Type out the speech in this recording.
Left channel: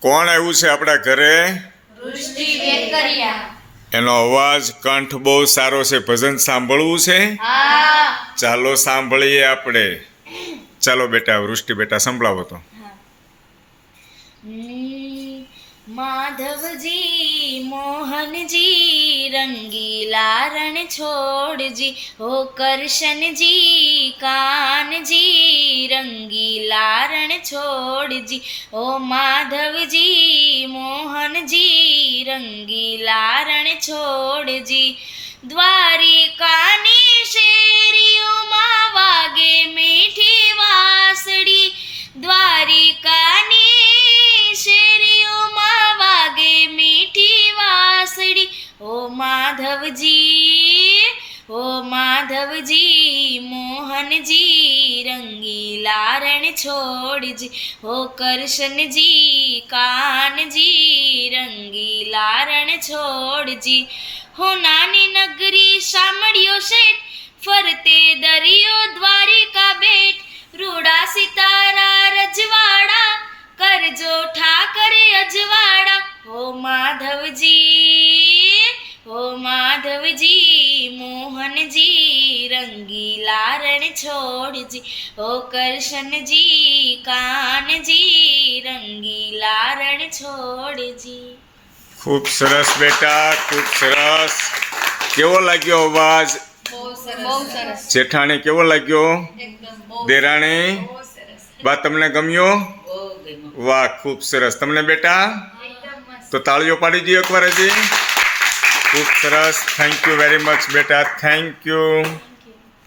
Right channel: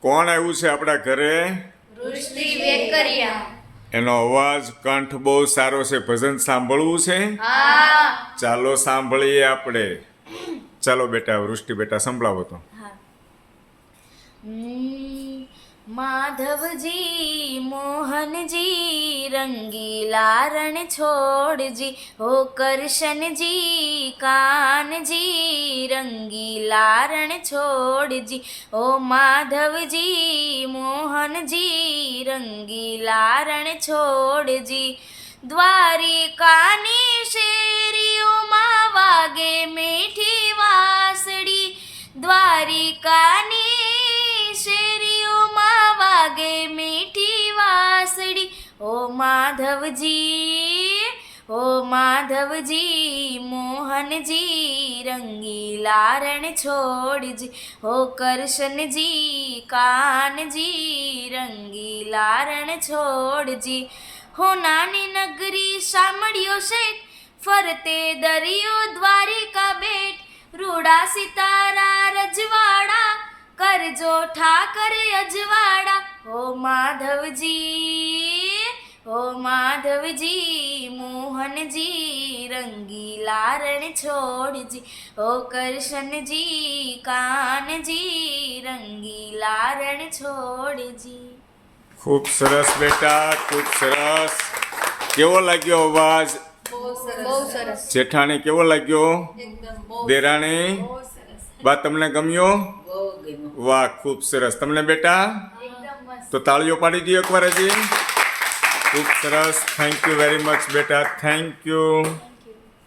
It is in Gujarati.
કોણ આવ્યું છે આપણા ઘરે? એનો અવાજ કંઠ બહુ સારો છે. ભજન સાંભળવું છે? ચાલો સાંભળીએ આપણે. ચાલો બેટા વૃષ્ટિ બેટા સંભળાવો તો. હમ, માધવજી, મોહનજી રંગીલા રણ છોડજી હો કરશનજી કાનજી રંગીલા રણ છોડજી. ઓ માધવજી, મોહનજી રંગીલા રણ છોડજી. દ્વારિકાની શેરીઓમાં ઓ માધવજી ઓ માધવજી, મોહનજી રંગીલા રણ છોડજી હો કરશનજી, કાનજી રંગીલા રણ છોડજી, હો નાની નગરી સાંભળ્યો શેઠ, ફરતે દરિયો દ્વારિકા બેટ, રૂડા સિતારા રજવાડા, કરજો ઠાકરે અજવાડા હો માધવજી. માધવજી મોહનજી રંગીલા રણ છોડજી ઓ કરશનજી કાનજી રંગીલા રણ છોડજી ખૂબ સરસ બેટા ખૂબ સરસ. કેવો લાગ્યો અવાજ? બહુ સરસ. જેઠાણી કેવો લાગ્યો? દેરાણી? બા તમને ગમ્યો? વાહ ખૂબ સરસ. તમને બેટા? તો તાળીઓ પાડી દો એકવાર હજી. ખૂબ સરસ થેન્ક યુ વેરી મચ બેટા થેન્ક યુ